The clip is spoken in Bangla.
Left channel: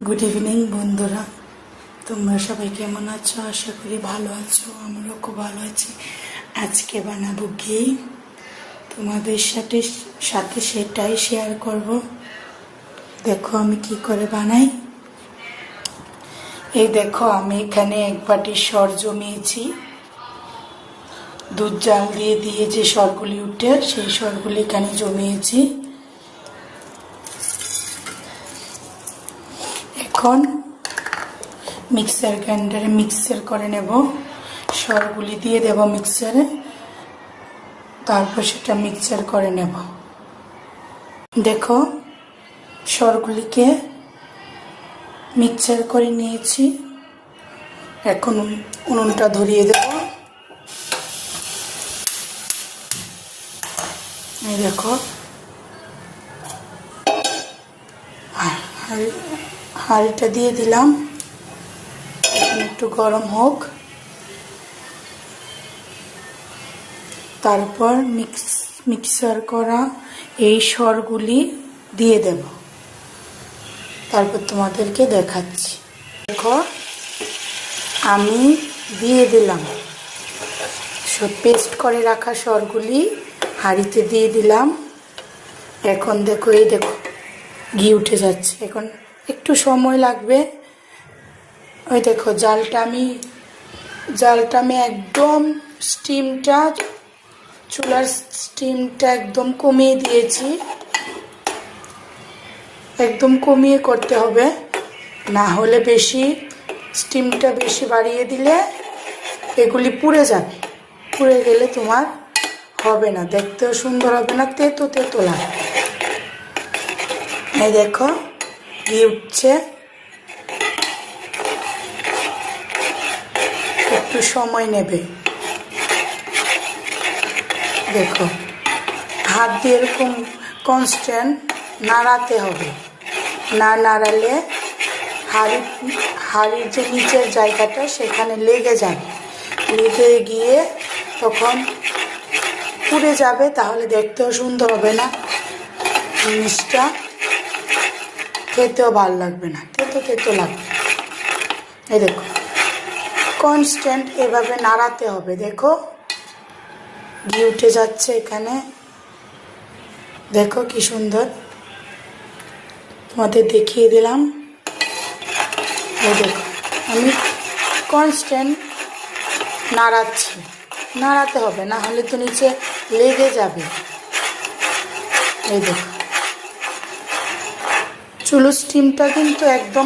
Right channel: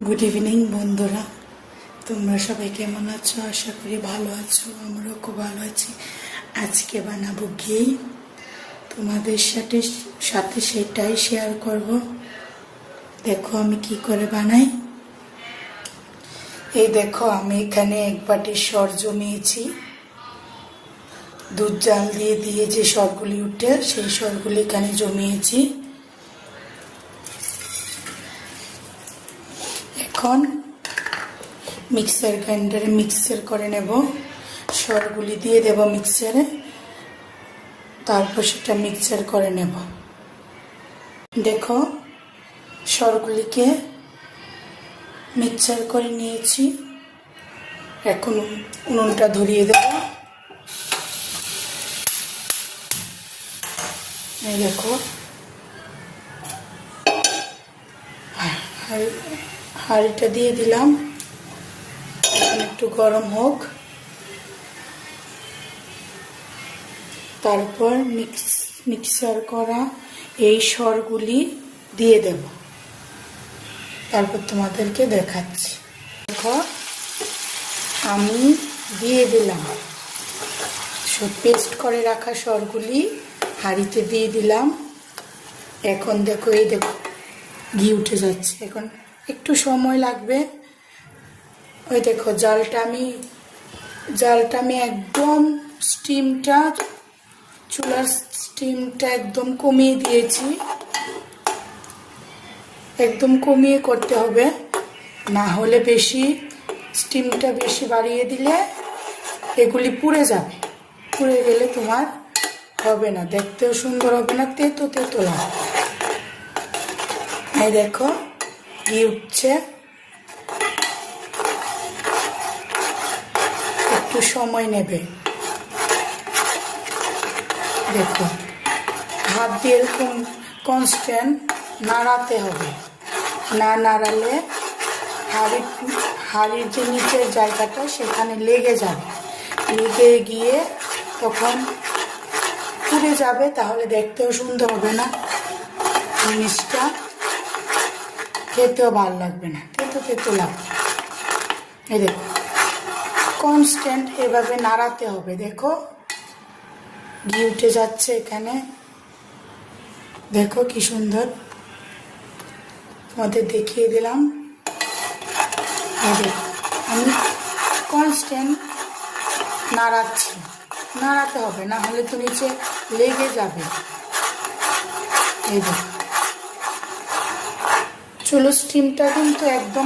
গুড ইভিনিং বন্ধুরা, তোমরা সবাই কেমন আছো? আশা করি ভালো আছো। আমরাও খুব ভালো আছি। আজকে বানাবো ঘি, তোমাদের সাথে সেটাই শেয়ার করব। দেখো আমি কি করে বানাই। এই দেখো আমি এখানে এক বাটি সর জমিয়েছি। দুধ জাল দিয়ে যে সরগুলি উঠে সেই সরগুলি এখানে জমিয়েছি। এখন মিক্সার গ্রাইন্ডারে মিক্সার করে নেব। সরগুলি দিয়ে দেব মিক্সারে, তারপর সেটা মিক্সার করে নেব। দেখো সরগুলিকে মিক্সার করে নিয়েছি। এখন উনুনটা ধরিয়ে দেব। এই দেখো হাঁড়িটা দিয়ে দিলাম। এখন একটু গরম হোক, তারপর মিক্সার করা এই সরগুলি দিয়ে দেব। তারপর তোমাদেরকে দেখাচ্ছি। দেখো আমি দিয়ে দিলাম পেস্ট করে রাখা সরগুলি হাঁড়িতে দিয়ে দিলাম। এখন দেখো এই দেখো ঘি উঠে যাচ্ছে। এখন একটু সময় লাগবে। ওই দেখো জালটা আমি একদম চুলার স্টিমটা একদম কমিয়ে দিয়েছি। একদম কমিয়ে করতে হবে, না হলে স্টিমটা বেশি বাড়িয়ে দিলে এগুলি পুড়ে যাবে। পুড়ে গেলে তোমার হবে না, দেখতেও সুন্দর হবে না, তেতো লাগবে। এই দেখো ঘি উঠছে। একটু সময় নেবে। দেখো হাত দিয়ে এরকম কনস্ট্যান্ট নাড়াতে হবে, না নাড়ালে হাঁড়ির যে নিচের জায়গাটা সেখানে লেগে যাবে। লেগে গিয়ে তখন পুড়ে যাবে, তাহলে দেখতেও সুন্দর হবে না, জিনিসটা খেতেও ভালো লাগবে না, তেতো লাগবে। এই দেখো কনস্ট্যান্ট এভাবে নাড়াতে হবে। দেখো ঘি উঠে যাচ্ছে এখানে। দেখো কি সুন্দর, তোমাদের দেখিয়ে দিলাম। এই দেখো আমি কনস্ট্যান্ট নাড়াতে হবে, না হলে তো নিচে লেগে যাবে। এই দেখো চুলো স্টিমটা কিন্তু একদম